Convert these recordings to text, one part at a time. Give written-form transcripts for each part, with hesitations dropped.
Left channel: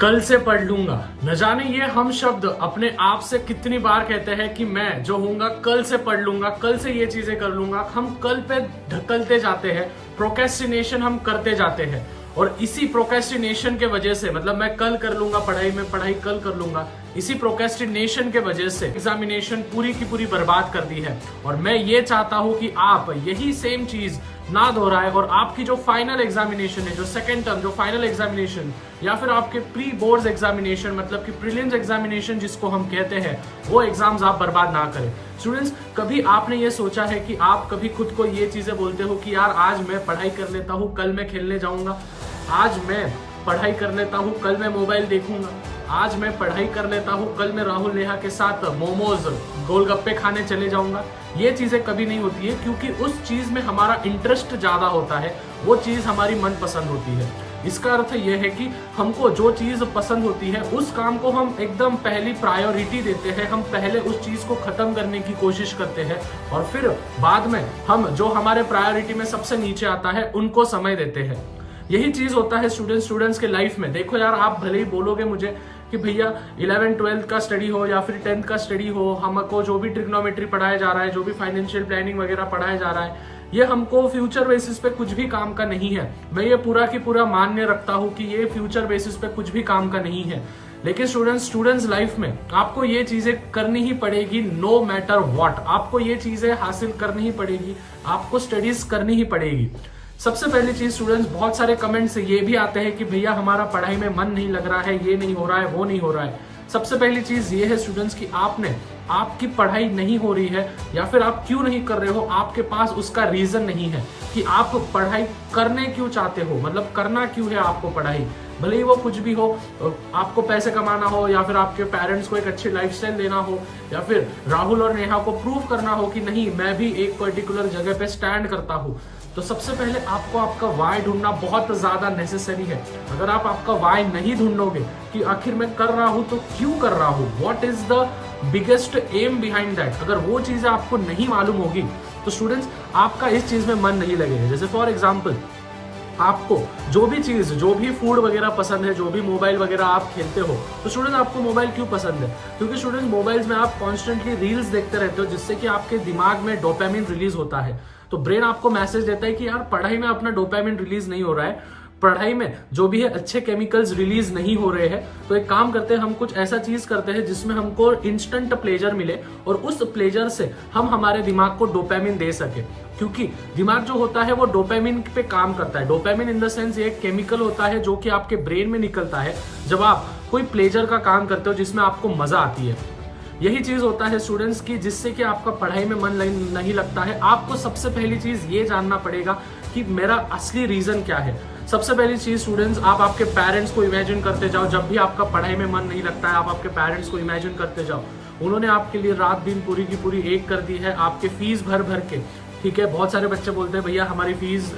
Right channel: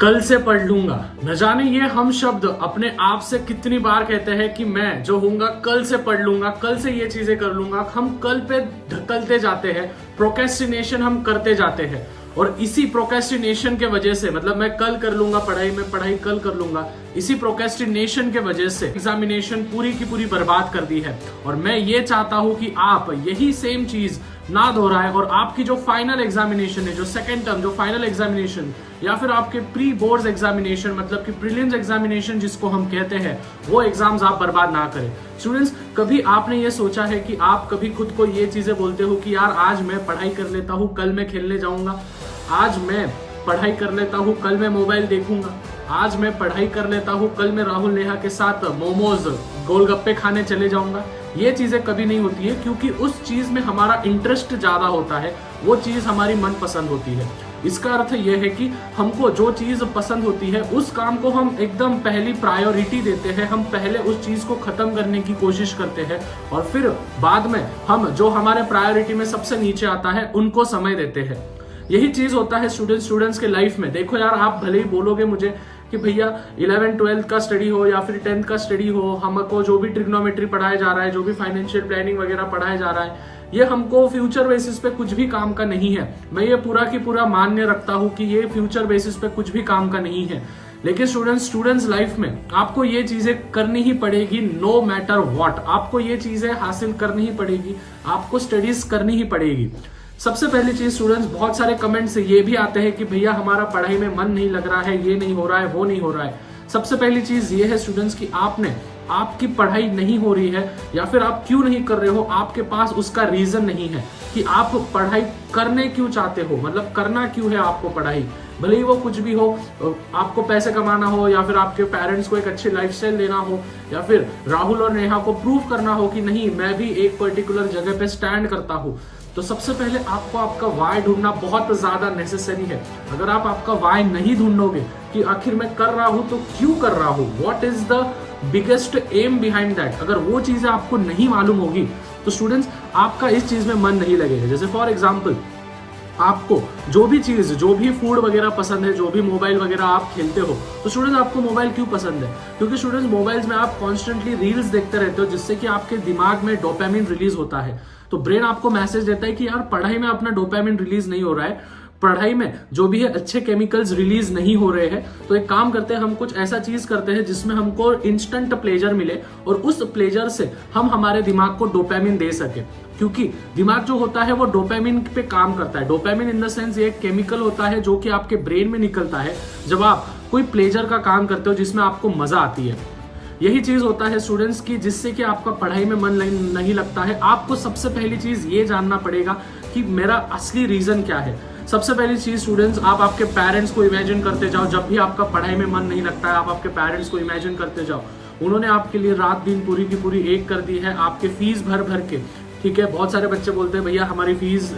कल से पढ़ लूंगा। न जाने ये हम शब्द अपने आप से कितनी बार कहते हैं कि मैं जो होऊंगा कल से पढ़ लूंगा, कल से ये चीजें कर लूंगा। हम कल पे ढकलते जाते हैं, प्रोक्रेस्टिनेशन हम करते जाते हैं और इसी प्रोक्रेस्टिनेशन के वजह से, मतलब मैं कल कर लूंगा पढ़ाई, मैं पढ़ाई कल कर लूंगा, इसी प्रोक्रेस्टिनेशन के वजह से एग्जामिनेशन पूरी की पूरी बर्बाद कर दी है। और मैं ये चाहता हूं कि आप यही सेम चीज ना दोहराए और आपकी जो फाइनल एग्जामिनेशन है, जो सेकेंड टर्म, जो फाइनल एग्जामिनेशन या फिर आपके प्री बोर्ड्स एग्जामिनेशन, मतलब कि प्रीलिम्स एग्जामिनेशन जिसको हम कहते हैं, वो एग्जाम्स आप बर्बाद ना करें। स्टूडेंट्स, कभी आपने ये सोचा है कि आप कभी खुद को ये चीजें बोलते हो कि यार आज मैं पढ़ाई कर लेता हूँ, कल मैं खेलने जाऊंगा, आज मैं पढ़ाई कर लेता हूँ, कल मैं मोबाइल देखूंगा, आज मैं पढ़ाई कर लेता हूँ, कल मैं राहुल नेहा के साथ मोमोज गोलगप्पे खाने चले जाऊंगा। ये चीजें कभी नहीं होती है, क्योंकि उस चीज में हमारा इंटरेस्ट ज्यादा होता है, वो चीज हमारी मनपसंद होती है। इसका अर्थ यह है कि हमको जो चीज पसंद होती है उस काम को हम एकदम पहली प्रायोरिटी देते हैं, हम पहले उस चीज को खत्म करने की कोशिश करते हैं और फिर बाद में हम जो हमारे प्रायोरिटी में सबसे नीचे आता है उनको समय देते हैं। यही चीज होता है स्टूडेंट्स के लाइफ में। देखो यार, आप भले ही बोलोगे मुझे कि भैया 11th-12th का स्टडी हो या फिर 10th का स्टडी हो, हमको जो भी ट्रिग्नोमेट्री पढ़ाया जा रहा है, जो भी फाइनेंशियल प्लानिंग वगैरह पढ़ाया जा रहा है, ये हमको फ्यूचर बेसिस पे कुछ भी काम का नहीं है। मैं ये पूरा की पूरा मान्य रखता हूँ कि ये फ्यूचर बेसिस पे कुछ भी काम का नहीं है। लेकिन स्टूडेंट्स लाइफ में आपको ये चीजें करनी ही पड़ेगी, नो मैटर व्हाट। आपको ये चीजें हासिल करनी ही पड़ेगी, आपको स्टडीज करनी ही पड़ेगी। सबसे पहली चीज स्टूडेंट्स, बहुत सारे कमेंट्स ये भी आते हैं कि भैया हमारा पढ़ाई में मन नहीं लग रहा है, ये नहीं हो रहा है, वो नहीं हो रहा है। सबसे पहली चीज ये है स्टूडेंट्स कि आपकी पढ़ाई नहीं हो रही है या फिर आप क्यों नहीं कर रहे हो, आपके पास उसका रीजन नहीं है कि आप पढ़ाई करने क्यों चाहते हो, मतलब करना क्यों है आपको पढ़ाई। भले ही वो कुछ भी हो, आपको पैसे कमाना हो या फिर आपके पेरेंट्स को एक अच्छी लाइफस्टाइल देना हो या फिर राहुल और नेहा को प्रूव करना हो कि नहीं मैं भी एक पर्टिकुलर जगह पे स्टैंड करता हूँ। तो सबसे पहले आपको आपका वाई ढूंढना बहुत ज्यादा नेसेसरी है। अगर आप आपका वाई नहीं ढूंढोगे कि आखिर मैं कर रहा हूं तो क्यों कर रहा हूं, what is the biggest aim behind that, अगर वो चीजें आपको नहीं मालूम होगी तो स्टूडेंट्स आपका इस चीज में मन नहीं लगेगा। जैसे फॉर एग्जाम्पल, आपको जो भी चीज, जो भी फूड वगैरह पसंद है, जो भी मोबाइल वगैरह आप खेलते हो, तो स्टूडेंट्स आपको मोबाइल क्यों पसंद है? क्योंकि स्टूडेंट्स मोबाइल्स में आप कॉन्स्टेंटली रील्स देखते रहते हो, जिससे कि आपके दिमाग में डोपामिन रिलीज होता है। तो ब्रेन आपको मैसेज देता है कि यार पढ़ाई में अपना डोपामिन रिलीज नहीं हो रहा है, पढ़ाई में जो भी है अच्छे केमिकल्स रिलीज नहीं हो रहे हैं, तो एक काम करते हैं, हम कुछ ऐसा चीज करते हैं जिसमें हमको इंस्टेंट प्लेजर मिले और उस प्लेजर से हम हमारे दिमाग को डोपामिन दे सके। क्योंकि दिमाग जो होता है वो डोपामिन पे काम करता है। डोपामिन इन द सेंस एक केमिकल होता है जो कि आपके ब्रेन में निकलता है जब आप कोई प्लेजर का काम करते हो जिसमें आपको मजा आती है। यही चीज होता है स्टूडेंट्स की जिससे कि आपका पढ़ाई में मन नहीं लगता है। आपको सबसे पहली चीज ये जानना पड़ेगा कि मेरा असली रीजन क्या है। सबसे पहली चीज स्टूडेंट्स, आप आपके पेरेंट्स को इमेजिन करते जाओ। जब भी आपका पढ़ाई में मन नहीं लगता है, आप आपके पेरेंट्स को इमेजिन करते जाओ। उन्होंने आपके लिए रात दिन पूरी की पूरी एक कर दी है, आपके फीस भर भर के। ठीक है, बहुत सारे बच्चे बोलते हैं भैया हमारी फीस,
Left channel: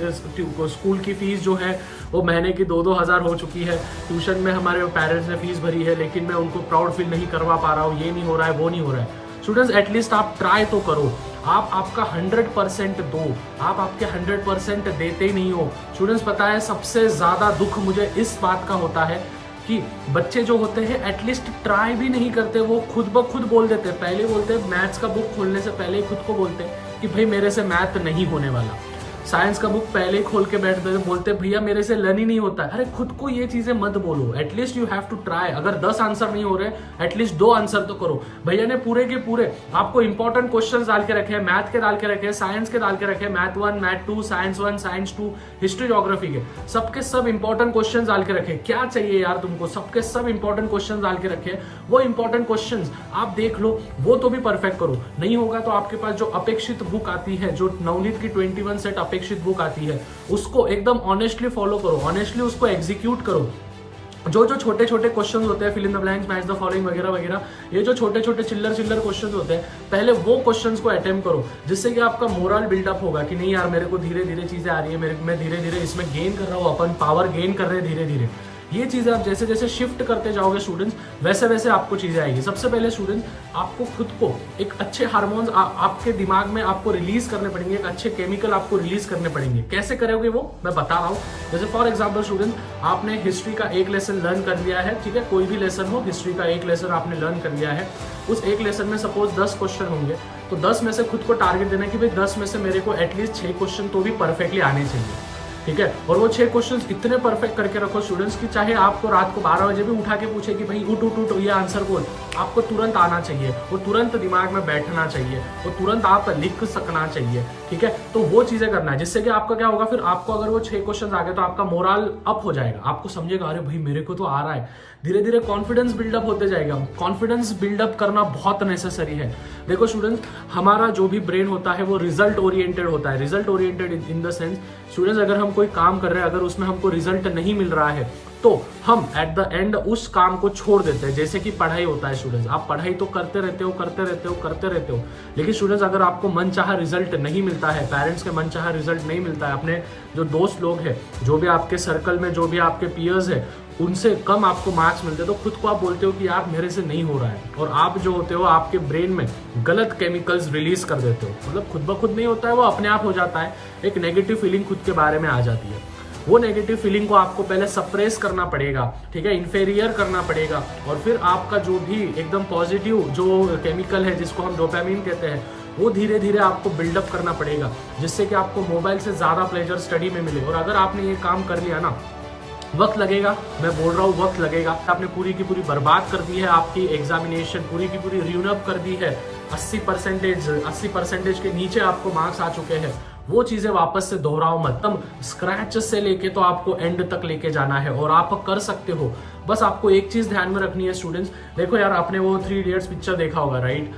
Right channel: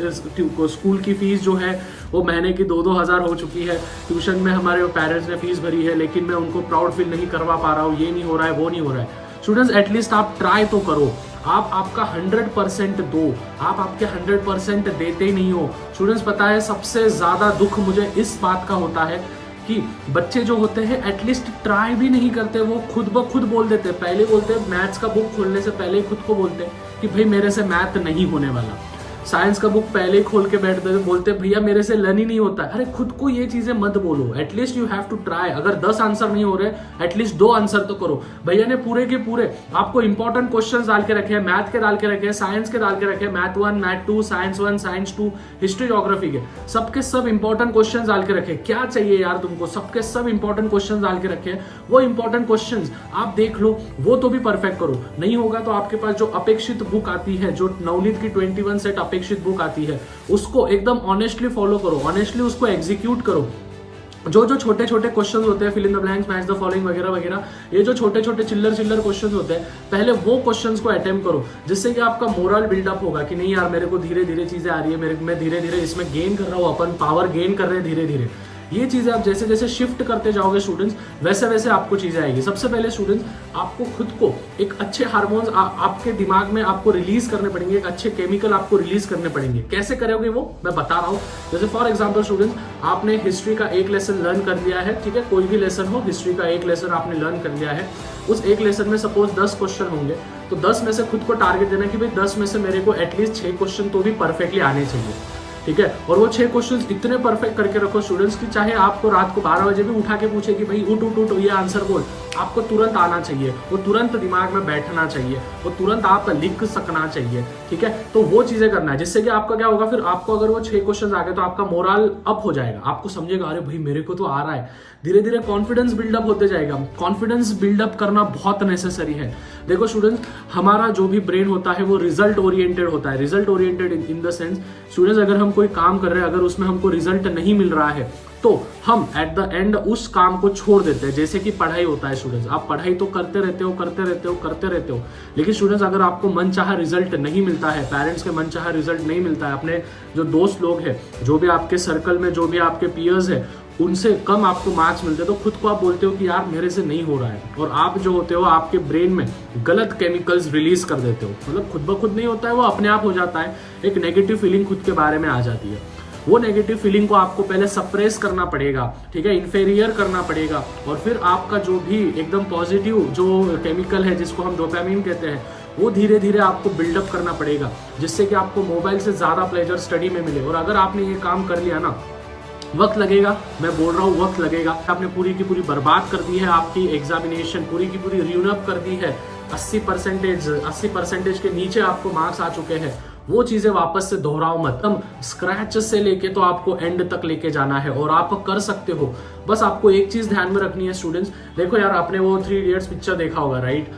स्कूल की फीस जो है वो महीने की 2-2 हज़ार हो चुकी है, ट्यूशन में हमारे पेरेंट्स ने फीस भरी है, लेकिन मैं उनको प्राउड फील नहीं करवा पा रहा हूँ, ये नहीं हो रहा है, वो नहीं हो रहा है। स्टूडेंट्स, एटलीस्ट आप ट्राई तो करो, आप आपका 100% दो, आप आपके 100% देते ही नहीं हो। स्टूडेंट्स, पता है सबसे ज्यादा दुख मुझे इस बात का होता है कि बच्चे जो होते हैं एटलीस्ट ट्राई भी नहीं करते, वो खुद ब खुद बोल देते हैं। पहले बोलते हैं, मैथ्स का बुक खोलने से पहले ही खुद को बोलते हैं कि भाई मेरे से मैथ नहीं होने वाला। साइंस का बुक पहले ही खोल के बैठते बोलते भैया मेरे से लर्न ही नहीं होता है। अरे खुद को ये चीजें मत बोलो, at least you have to try. अगर 10 आंसर नहीं हो रहे, एटलीस्ट 2 आंसर तो करो। भैया ने पूरे के पूरे आपको इंपॉर्टेंट क्वेश्चंस डाल के रखे हैं, मैथ के डाल के रखे हैं, साइंस के डाल के रखे हैं, math 1, math 2, science 1, science 2, history geography के सबके सब इंपॉर्टेंट क्वेश्चंस डाल के रखे हैं। क्या चाहिए यार तुमको, सबके सब इंपॉर्टेंट क्वेश्चंस डाल के रखे हैं। वो इंपॉर्टेंट क्वेश्चंस आप देख लो, वो तो भी परफेक्ट करो। नहीं होगा तो आपके पास जो अपेक्षित बुक आती है, जो नवनीत की 21 सेट अपेक्षित बुक आती है, उसको एकदम ऑनेस्टली फॉलो करो, ऑनेस्टली उसको एग्जीक्यूट करो। जो छोटे छोटे क्वेश्चंस होते हैं, fill in the blanks, match the following वगैरह वगैरह, ये जो छोटे छोटे चिल्लर क्वेश्चंस होते हैं, पहले वो क्वेश्चंस को अटेम्प्ट करो, जिससे कि आपका मोरल बिल्डअप होगा कि नहीं यार मेरे को धीरे धीरे चीजें आ रही है, मैं धीरे धीरे इसमें गेन कर रहा हूँ, अपन पावर गेन कर रहे हैं धीरे धीरे। ये चीजें आप जैसे जैसे शिफ्ट करते जाओगे स्टूडेंट्स, वैसे वैसे आपको चीजें आएगी। सबसे पहले स्टूडेंट्स आपको खुद को एक अच्छे हार्मोन्स आपके दिमाग में आपको रिलीज करने पड़ेंगे, एक अच्छे केमिकल आपको रिलीज करने पड़ेंगे। कैसे करोगे वो मैं बता रहा हूँ। जैसे फॉर एग्जाम्पल स्टूडेंट्स, आपने हिस्ट्री का एक लेसन लर्न कर लिया है, ठीक है, कोई भी लेसन हो, हिस्ट्री का एक लेसन आपने लर्न कर लिया है। उस एक लेसन में सपोज 10 क्वेश्चन होंगे, तो 10 में से खुद को टारगेट देना कि भाई 10 में से मेरे को एटलीस्ट 6 क्वेश्चन तो भी परफेक्टली आने चाहिए, ठीक है। और वो 6 क्वेश्चंस इतने परफेक्ट करके रखो स्टूडेंट्स कि चाहे आपको रात को 12 बजे भी उठा के पूछे कि भाई उठ उठ उठ ये आंसर बोल, आपको तुरंत आना चाहिए, वो तुरंत दिमाग में बैठना चाहिए, वो तुरंत आप लिख सकना चाहिए, ठीक है। तो वो चीजें करना है, जिससे कि आपका क्या होगा, फिर आपको अगर वो 6 क्वेश्चन आ गए तो आपका मोरल अप हो जाएगा, आपको समझेगा अरे भाई मेरे को तो आ रहा है। धीरे धीरे कॉन्फिडेंस बिल्डअप होते जाएगा। कॉन्फिडेंस बिल्डअप करना बहुत नेसेसरी है। देखो स्टूडेंट्स, हमारा जो भी ब्रेन होता है वो रिजल्ट ओरिएंटेड होता है। Result oriented in the sense students, अगर हम कोई काम कर रहे हैं, अगर उसमें हमको रिजल्ट नहीं मिल रहा है तो हम एट द एंड उस काम को छोड़ देते हैं। जैसे कि पढ़ाई होता है स्टूडेंट्स, आप पढ़ाई तो करते रहते हो, लेकिन स्टूडेंट्स अगर आपको मनचाहा रिजल्ट नहीं मिलता है, पेरेंट्स के मनचाहा रिजल्ट नहीं मिलता है, अपने जो दोस्त लोग हैं, जो भी आपके सर्कल में जो भी आपके पीयर्स है, उनसे कम आपको मार्क्स मिलते हैं, तो खुद को आप बोलते हो कि यार मेरे से नहीं हो रहा है, और आप जो होते हो आपके ब्रेन में गलत केमिकल्स रिलीज कर देते हो। मतलब खुद ब खुद नहीं होता है, वो अपने आप हो जाता है। एक नेगेटिव फीलिंग खुद के बारे में आ जाती है। वो नेगेटिव फीलिंग को आपको पहले सप्रेस करना पड़ेगा, ठीक है, इन्फेरियर करना पड़ेगा, और फिर आपका जो भी एकदम पॉजिटिव जो केमिकल है जिसको हम डोपामिन कहते हैं, वो धीरे धीरे आपको बिल्डअप करना पड़ेगा, जिससे कि आपको मोबाइल से ज्यादा प्लेजर स्टडी में मिले। और अगर आपने ये काम कर लिया ना, वक्त लगेगा, मैं बोल रहा हूँ वक्त लगेगा। आपने पूरी की पूरी बर्बाद कर दी है, आपकी एग्जामिनेशन पूरी की पूरी र्यूनअप कर दी है, 80% के नीचे आपको मार्क्स आ चुके हैं। वो चीजें वापस से दोहराओ मत। तुम स्क्रैच से लेके तो आपको एंड तक लेके जाना है, और आप कर सकते हो। बस आपको एक चीज ध्यान में रखनी है स्टूडेंट्स। देखो यार, आपने वो 3 इडियट्स पिक्चर देखा होगा, राइट?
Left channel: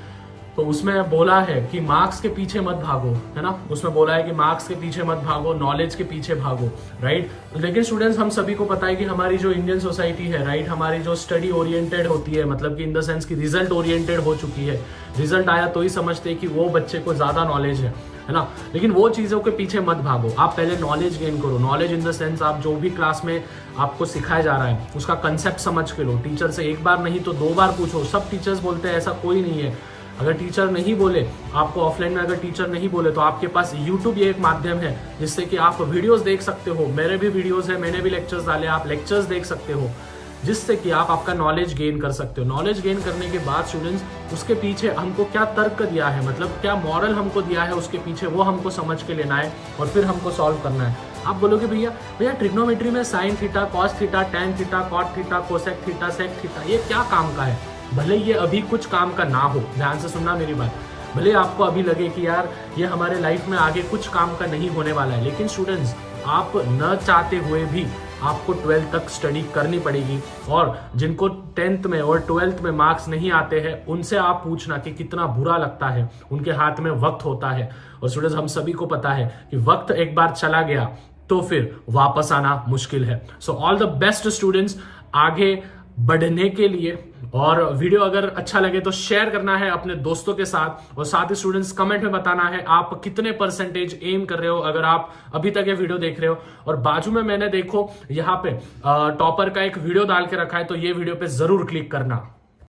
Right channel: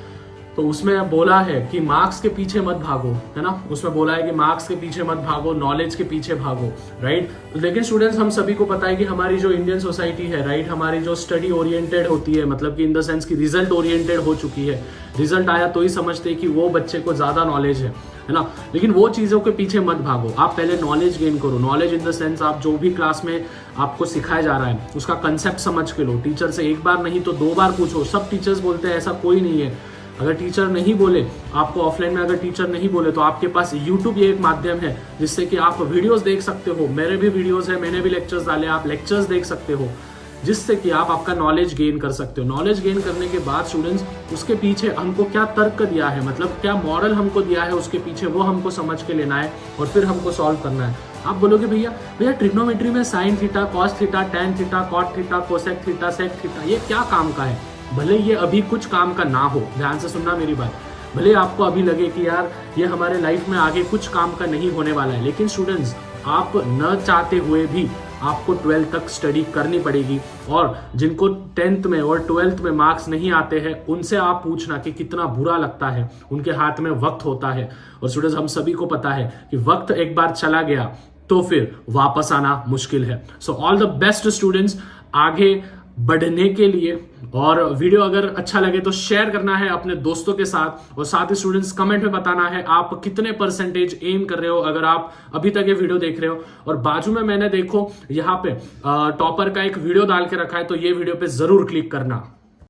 तो उसमें बोला है कि मार्क्स के पीछे मत भागो, है ना। उसमें बोला है कि मार्क्स के पीछे मत भागो, नॉलेज के पीछे भागो, राइट। लेकिन स्टूडेंट्स, हम सभी को पता है कि हमारी जो इंडियन सोसाइटी है, राइट, हमारी जो स्टडी ओरिएंटेड होती है, मतलब कि इन द सेंस की रिजल्ट ओरिएंटेड हो चुकी है। रिजल्ट आया तो ही समझते हैं कि वो बच्चे को ज्यादा नॉलेज है ना। लेकिन वो चीजों के पीछे मत भागो, आप पहले नॉलेज गेन करो। नॉलेज इन द सेंस, आप जो भी क्लास में आपको सिखाया जा रहा है उसका कंसेप्ट समझ के लो। टीचर से एक बार नहीं तो 2 बार पूछो। सब टीचर्स बोलते हैं, ऐसा कोई नहीं है। अगर टीचर नहीं बोले आपको ऑफलाइन में, अगर टीचर नहीं बोले तो आपके पास यूट्यूब ये एक माध्यम है जिससे कि आप वीडियोस देख सकते हो। मेरे भी वीडियोस है, मैंने भी लेक्चर्स डाले, आप लेक्चर्स देख सकते हो, जिससे कि आप आपका नॉलेज गेन कर सकते हो। नॉलेज गेन करने के बाद स्टूडेंट्स, उसके पीछे हमको क्या तर्क दिया है, मतलब क्या मॉरल हमको दिया है उसके पीछे, वो हमको समझ के लेना है और फिर हमको सॉल्व करना है। आप बोलोगे भैया ट्रिग्नोमेट्री में sine theta, cos theta, tan theta, cot theta, cosec theta, sec theta, ये क्या काम का है? भले ये अभी कुछ काम का ना हो, ध्यान से सुनना मेरी बात, भले आपको अभी लगे कि यार ये हमारे लाइफ में आगे कुछ काम का नहीं होने वाला है, लेकिन स्टूडेंट्स, आप न चाहते हुए भी आपको 12th तक स्टडी करनी पड़ेगी। और जिनको 10th में और 12th में मार्क्स नहीं आते हैं, उनसे आप पूछना कि कितना बुरा लगता है। उनके हाथ में वक्त होता है, और स्टूडेंट्स, हम सभी को पता है कि वक्त एक बार चला गया तो फिर वापस आना मुश्किल है। So all the best students आगे बढ़ने के लिए। और वीडियो अगर अच्छा लगे तो शेयर करना है अपने दोस्तों के साथ, और साथ ही स्टूडेंट्स कमेंट में बताना है आप कितने परसेंटेज एम कर रहे हो अगर आप अभी तक ये वीडियो देख रहे हो। और बाजू में मैंने देखो यहाँ पे टॉपर का एक वीडियो डाल के रखा है, तो ये वीडियो पे जरूर क्लिक करना।